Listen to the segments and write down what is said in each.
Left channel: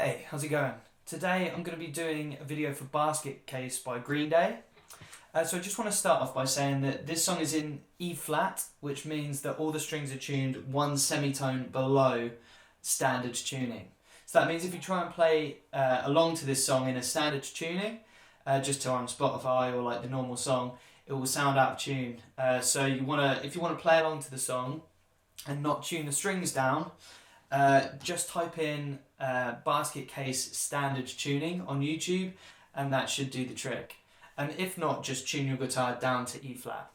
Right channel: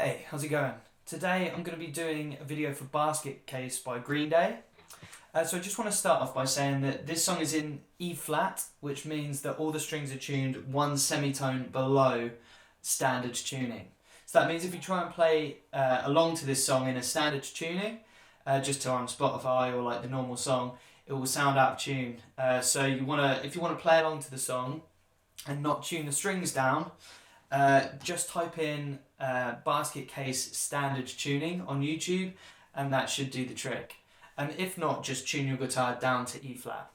Hey, how's it going? Today I'm going to be doing a video for Basket Case by Green Day. So I just want to start off by saying that this song is in E flat, which means that all the strings are tuned one semitone below standard tuning. So that means if you try and play along to this song in a standard tuning, just on Spotify or like the normal song, it will sound out of tune. So if you want to play along to the song and not tune the strings down, just type in Basket Case standard tuning on YouTube and that should do the trick. And if not, just tune your guitar down to E flat.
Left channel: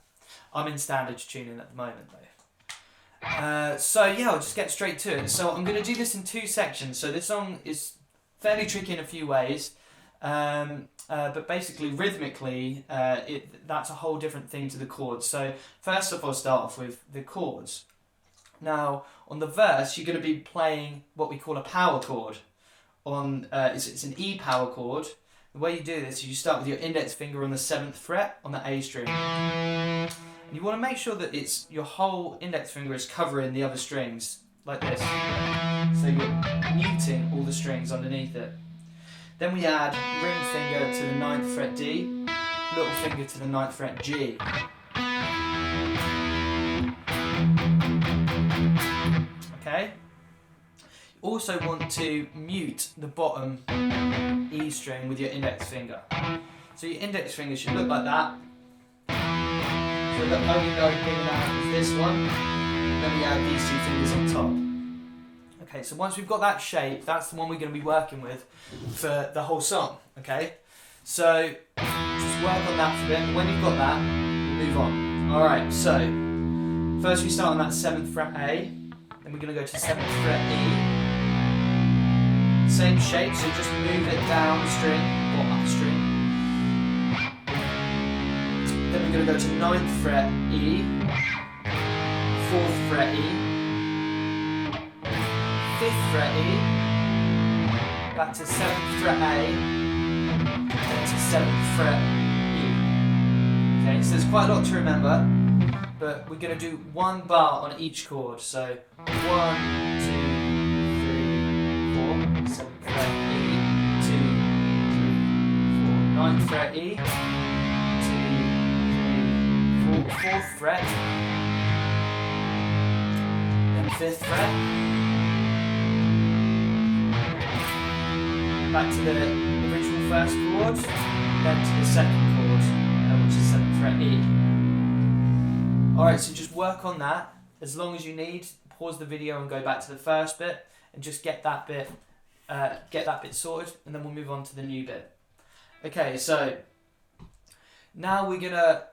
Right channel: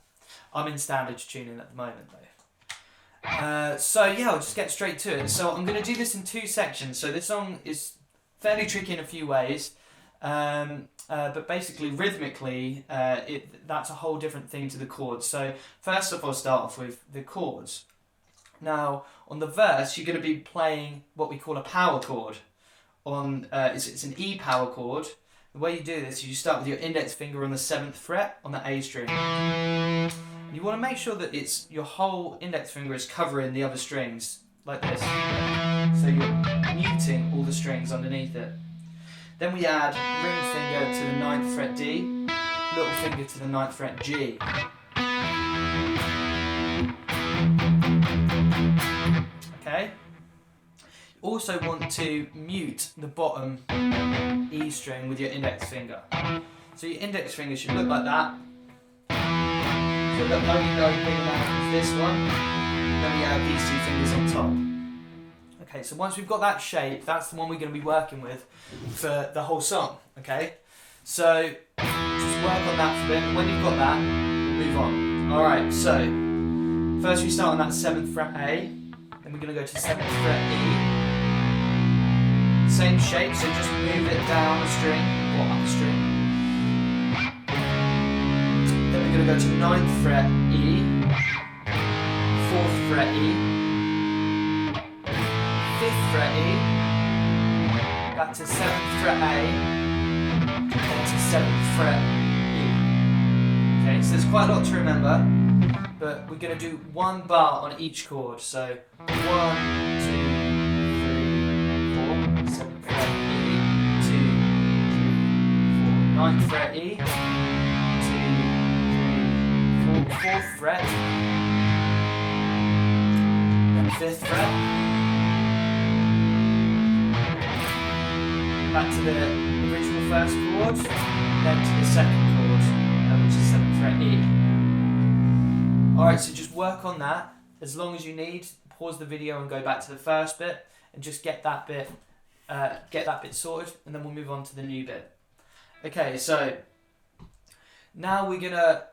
I'm in standard tuning at the moment though. So yeah, I'll just get straight to it. So I'm going to do this in two sections. So this song is fairly tricky in a few ways, but basically rhythmically that's a whole different thing to the chords. So first off, I'll start off with the chords. Now, on the verse, you're going to be playing what we call a power chord. It's an E power chord. The way you do this is you start with your index finger on the 7th fret on the A string. And you want to make sure that your whole index finger is covering the other strings, like this. So you're muting all the strings underneath it. Then we add ring finger to the 9th fret D, little finger to the 9th fret G. Okay. You also want to mute the bottom E string with your index finger. So your index finger should look like that. So the only note bringing out is this one. Then we add these two fingers on top. Okay, so once we've got that shape, that's the one we're going to be working with for the whole song. Okay, so just work on that for a bit. And when you've got that, we'll move on. All right, so first we start on that 7th fret A. Then we're going to go to 7th fret E. Same shape, so just move it down a string or up a string. Then we're going to go to 9th fret E, 4th fret E, 5th fret E, back to 7th fret A, then to 7th fret E. Okay, so there's quite a lot to remember, but we're going to do one bar on each chord. So 1, 2, 3, 4, 7th fret E, 2, 3, 4, 9th fret E, 2, 3, 4, 4th fret, then 5th fret, back to the original first chord, then to the second chord, which is 7th fret E. Alright, so just work on that as long as you need. Pause the video and go back to the first bit and just get that bit sorted, and then we'll move on to the new bit. Okay, so now we're gonna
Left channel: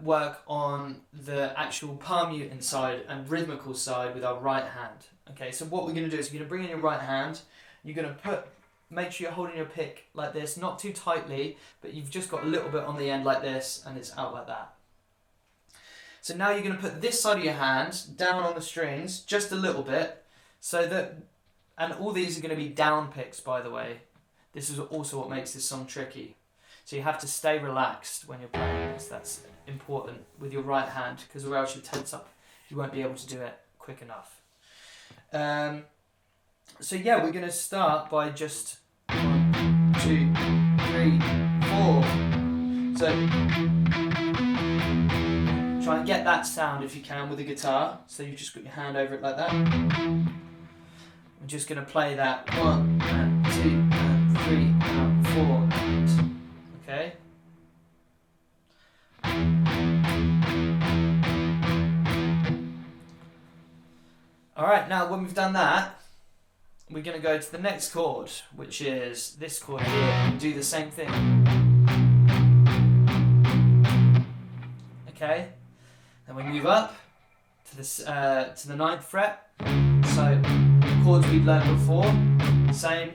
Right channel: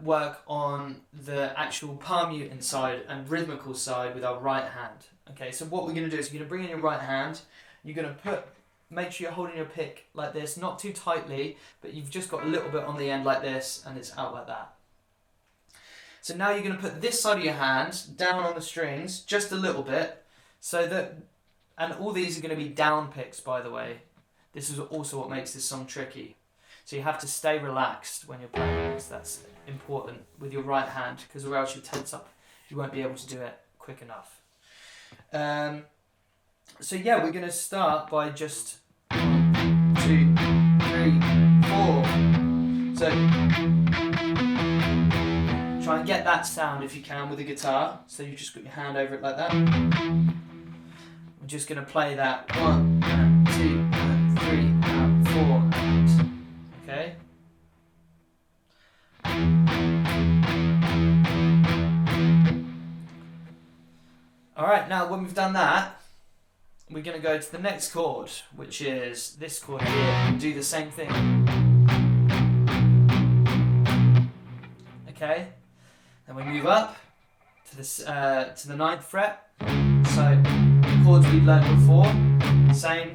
work on the actual palm muting side and rhythmical side with our right hand. Okay, so what we're gonna do is you're gonna bring in your right hand. You're gonna make sure you're holding your pick like this, not too tightly, but you've just got a little bit on the end like this, and it's out like that. So now you're going to put this side of your hand down on the strings, just a little bit, so that, and all these are going to be down picks, by the way. This is also what makes this song tricky. So you have to stay relaxed when you're playing this. That's important with your right hand, because or else you tense up. You won't be able to do it quick enough. So yeah, we're going to start by just 1, 2, 3, 4. So try and get that sound if you can with the guitar. So you've just got your hand over it like that. We're just going to play that 1 and 2 and 3 and 4 and okay. Alright, now when we've done that, we're going to go to the next chord, which is this chord here, and do the same thing. Okay. Then we move up to the 9th fret. So the chords we learned before, same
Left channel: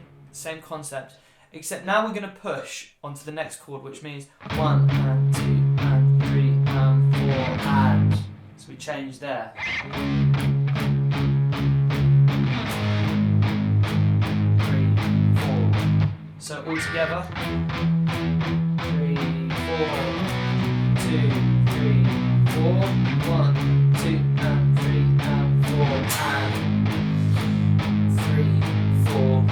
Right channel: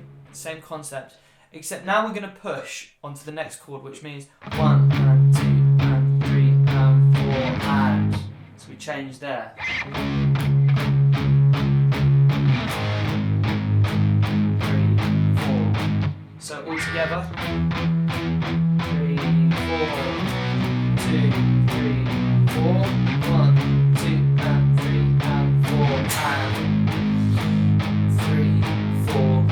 concept. Except now we're going to push onto the next chord, which means 1 and 2 and 3 and 4 and. So we change there. 3, 4. So all together. 3, 4, 2, 3, 4, 1, 2 and 3 and 4 and 3, 4.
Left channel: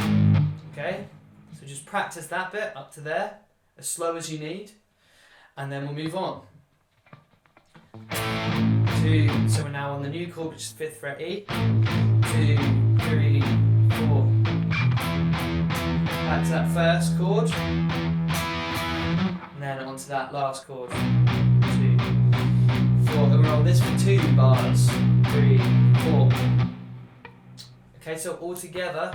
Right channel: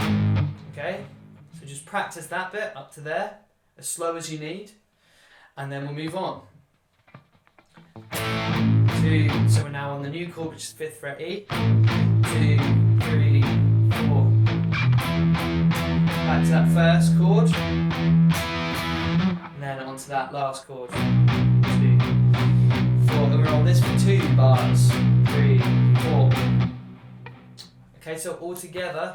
just practice that bit up to there, as slow as you need, and then we'll move on. So we're now on the new chord, which is 5th fret E. 2, 3, 4. Back to that first chord, and then onto that last chord. 2, 4. And we're on this for 2 bars. 3, 4. Okay, so all together.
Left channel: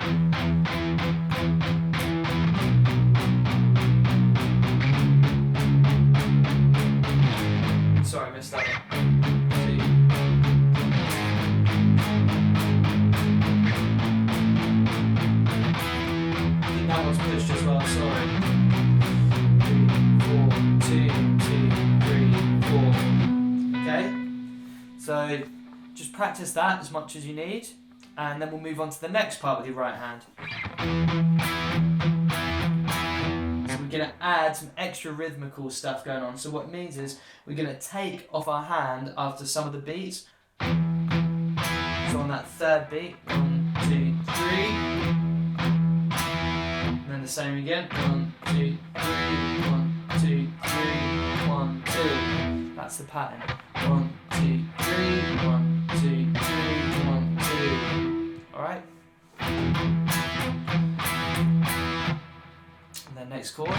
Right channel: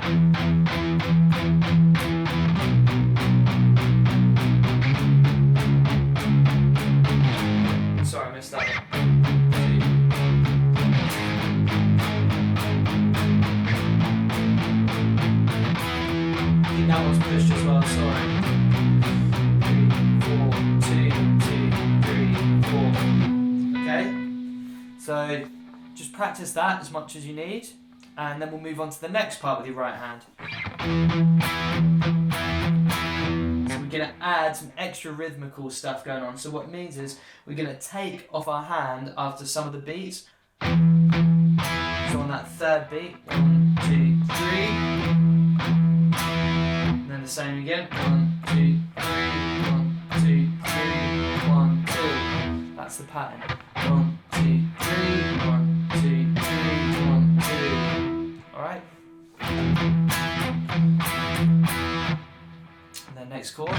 Sorry, I missed that one. 2. I think that one's pushed as well, sorry. 3, 4, 2, 2, 3, 4. Okay? So just practice that as much as you need, and then we'll move on to the next part with your right hand. So we're going to add some extra rhythmical stuff going on. So what it means is we're going to take off our hand after some of the beats. So on that third beat, 1, 2, 3. And then the same again, 1, 2, 3, 1, 2, 3, 1, 2. That's the pattern. 1, 2, 3, 1, 2, 3, 1, 2. Alright? And then next chord.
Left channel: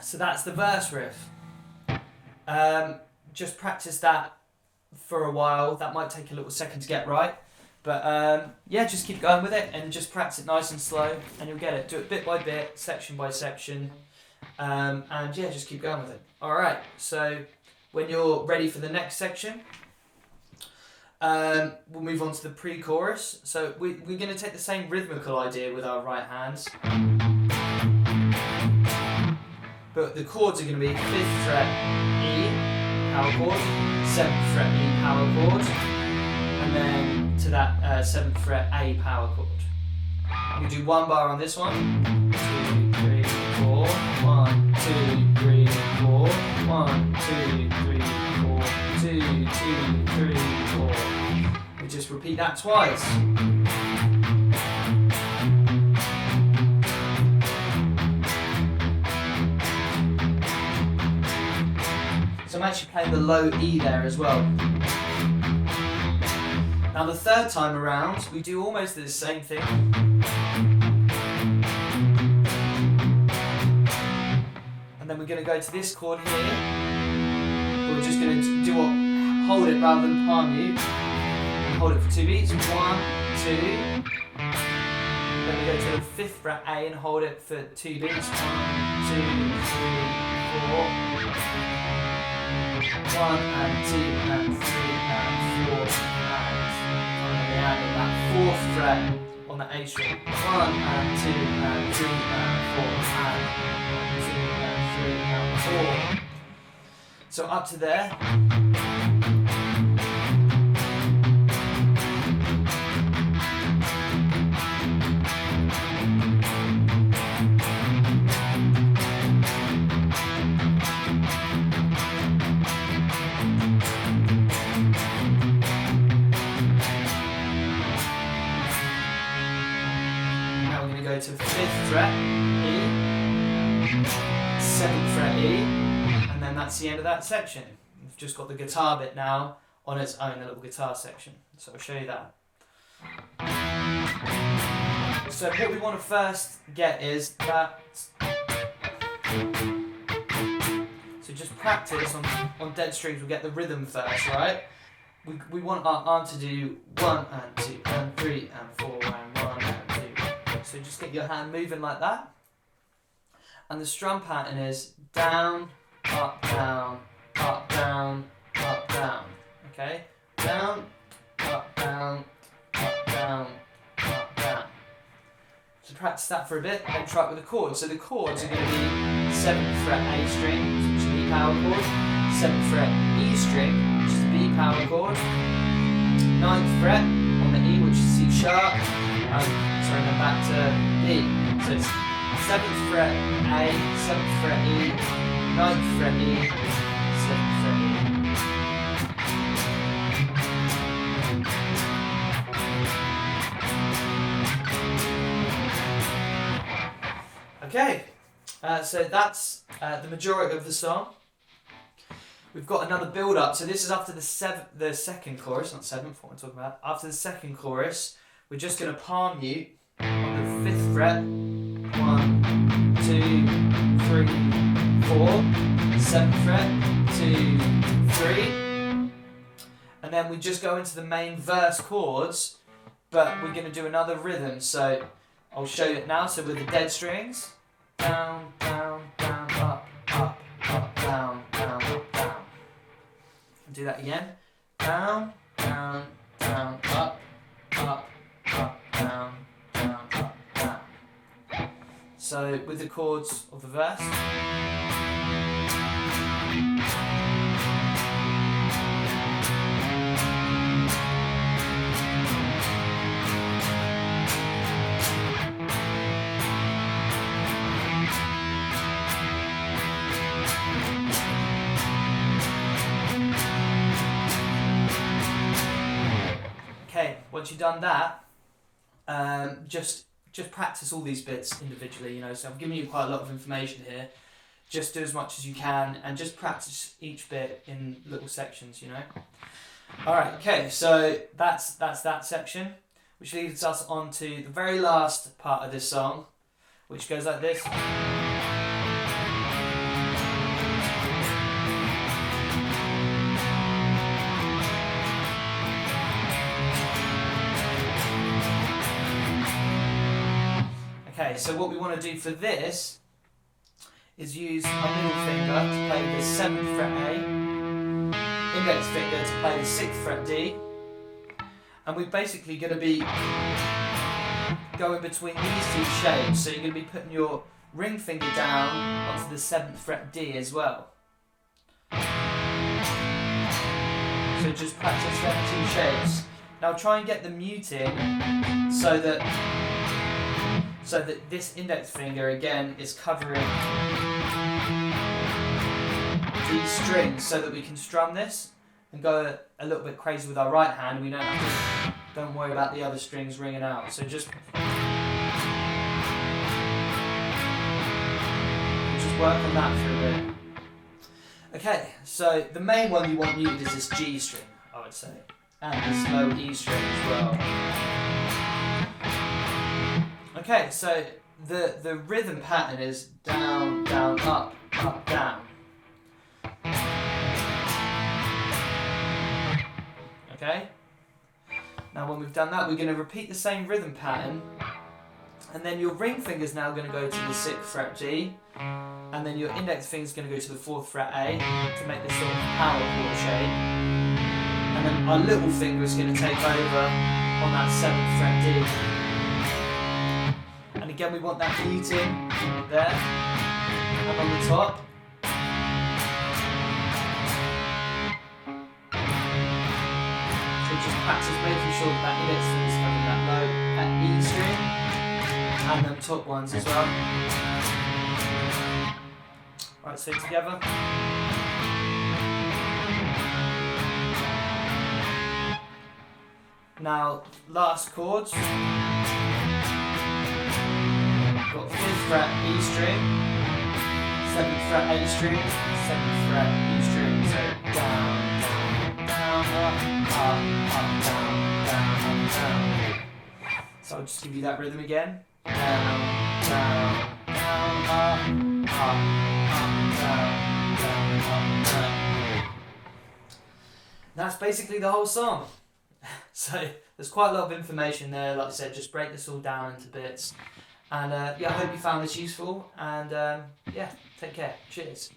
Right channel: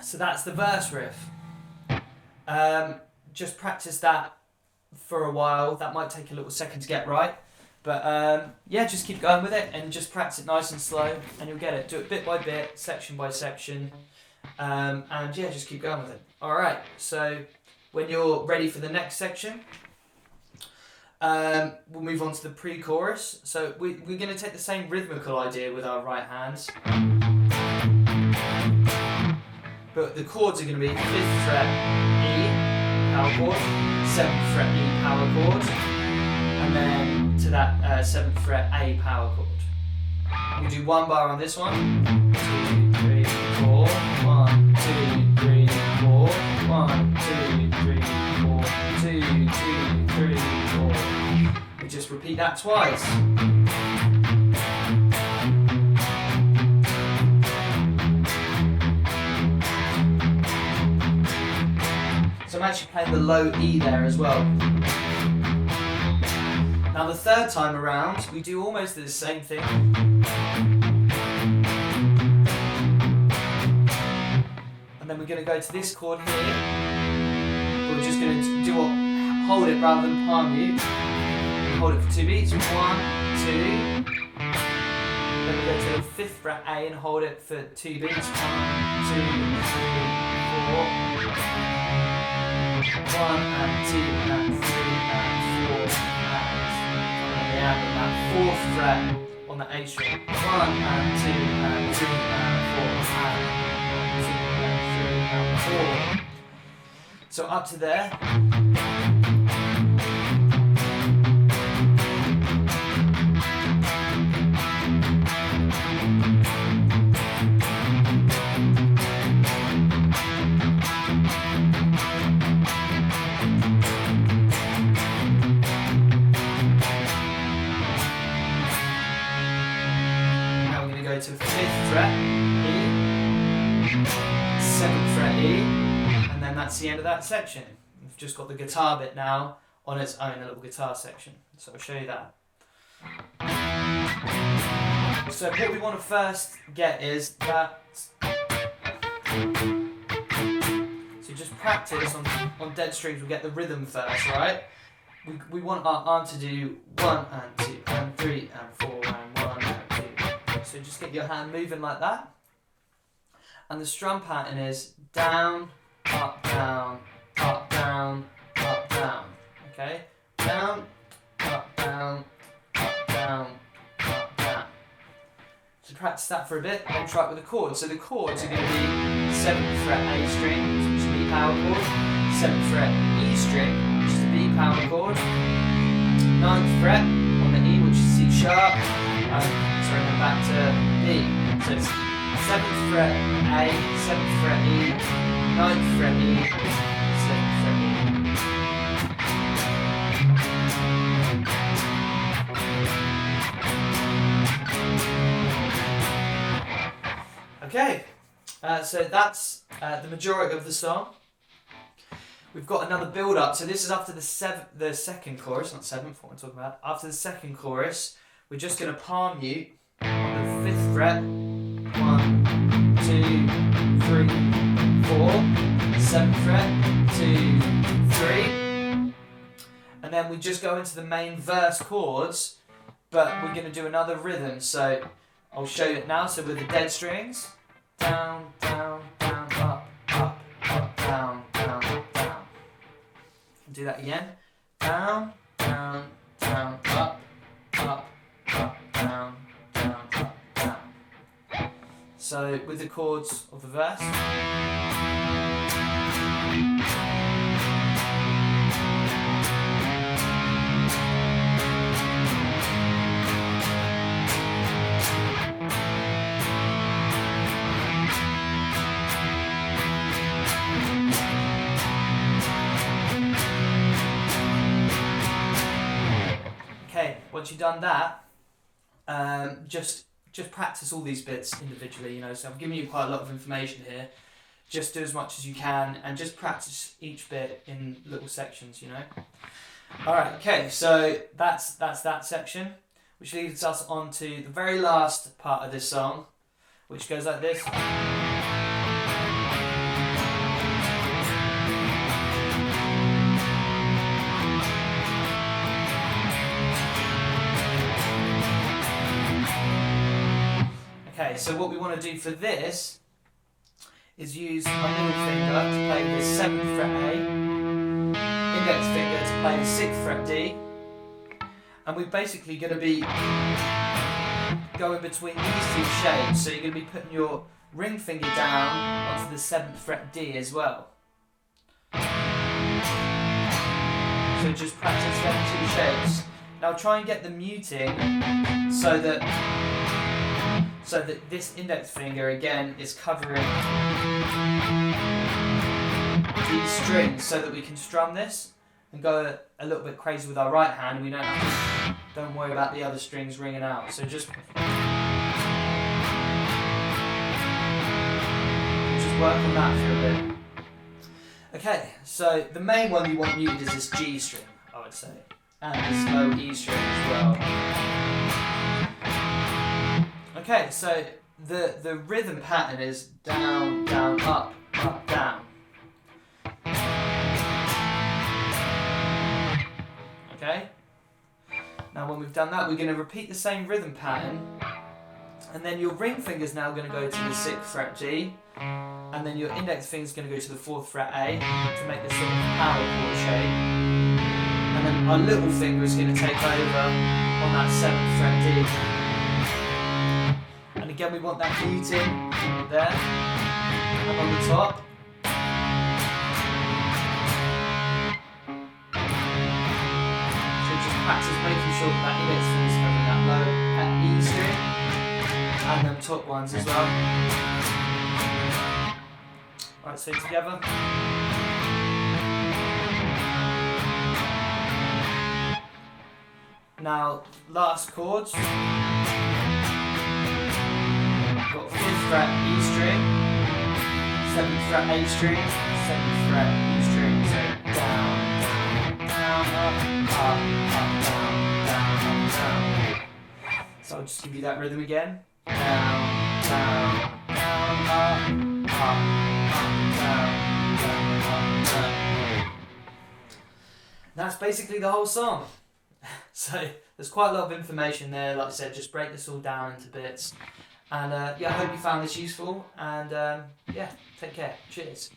So that's the verse riff. Just practice that for a while. That might take a little second to get right. But yeah, just keep going with it and just practice it nice and slow and you'll get it. Do it bit by bit, section by section. And yeah, just keep going with it. Alright, so when you're ready for the next section, we'll move on to the pre-chorus. So we're going to take the same rhythmical idea with our right hands. But the chords are going to be 5th fret E, power chord, 7th fret E, power chord, and then to that 7th fret A, power chord. And we do 1 bar on this one. 2, 3, 4. 1, 2, 3, 4. 1, 2, 3, 4. 2, 2, 3, 4. We just repeat that twice. So I'm actually playing the low E there as well. Now the third time around, we do almost the same thing. And then we're going to go to this chord here. We're just going to do what, hold it rather than palm mute. And hold it for 2 beats. 1, 2. Then we go to the 5th fret A and hold it for 2 beats. 1, 2, 3, 4. 1 and 2 and 3 and 4 and on the end of that 4th fret on the A string. 1 and 2 and 3 and 4 and 2 and 3 and 4. So up to there. Go to 5th fret E, 7th fret E, and then that's the end of that section. We've just got the guitar bit now on its own, a little guitar section. So I'll show you that. So what we want to first get is that. So just practice on dead strings. We'll get the rhythm first, right? We want our arm to do 1 and 2 and 3 and 4 and 1 and 2. So just get your hand moving like that. And the strum pattern is down, up, down, up, down, up, down. Okay? Down, up, down, up, down, up, down. So practice that for a bit, and then try it with the chords. So the chords are going to be 7th fret A string, which is an E power chord, 7th fret E string, which is a B power chord, 9th fret on the E, which is C# sharp, sorry, then back to B. So it's 7th fret A, 7th fret E, 9th fret E, 7th fret E. Okay, so that's the majority of the song. We've got another build up. So this is after the second chorus, not seventh, what I'm talking about. After the second chorus, we're just going to palm mute on the 5th fret. 1, 2, 3, 4. 7th fret, 2, 3. And then we just go into the main verse chords, but we're going to do another rhythm. So I'll show you it now. So with the dead strings, down, down, down, up, up, up, down, down, up, down. Do that again. Down, down, down, up, up, up, down, down, up, down. So with the chords of the verse. Okay, once you've done that, just practice all these bits individually, you know, so I've given you quite a lot of information here. Just do as much as you can and just practice each bit in little sections, you know. Alright, okay, so that's that section, which leads us on to the very last part of this song, which goes like this. Okay, so what we want to do for this is use our middle finger to play the 7th fret A, index finger to play the 6th fret D, and we're basically going to be going between these two shapes, so you're going to be putting your ring finger down onto the 7th fret D as well. So just practice them two shapes. Now try and get the muting so that this index finger again is covering these strings so that we can strum this and go a little bit crazy with our right hand. We don't worry about the other strings ringing out. So just work on that for a bit. Okay, so the main one you want muted is this G string, I would say, and this low E string as well. Okay, so the rhythm pattern is down, down, up, up, down. Okay? Now when we've done that, we're going to repeat the same rhythm pattern, and then your ring finger is now going to go to the 6th fret G, and then your index finger is going to go to the 4th fret A to make this sort of power chord shape, and then our little finger is going to take over on that 7th fret D. And again, we want that muting there and on the top. So just practice making sure that that index finger is covering that low E string and them top ones as well. Right, so together. Now, last chords. Got 5th fret E string, 7th fret A string, 7th fret E string, so down, down, down, up, down, down, up, down. So I'll just give you that rhythm again. Down, down, down, up, down, down, up, down. That's basically the whole song. So there's quite a lot of information there. Like I said, just break this all down into bits. And yeah, I hope you found this useful, and yeah, take care. Cheers.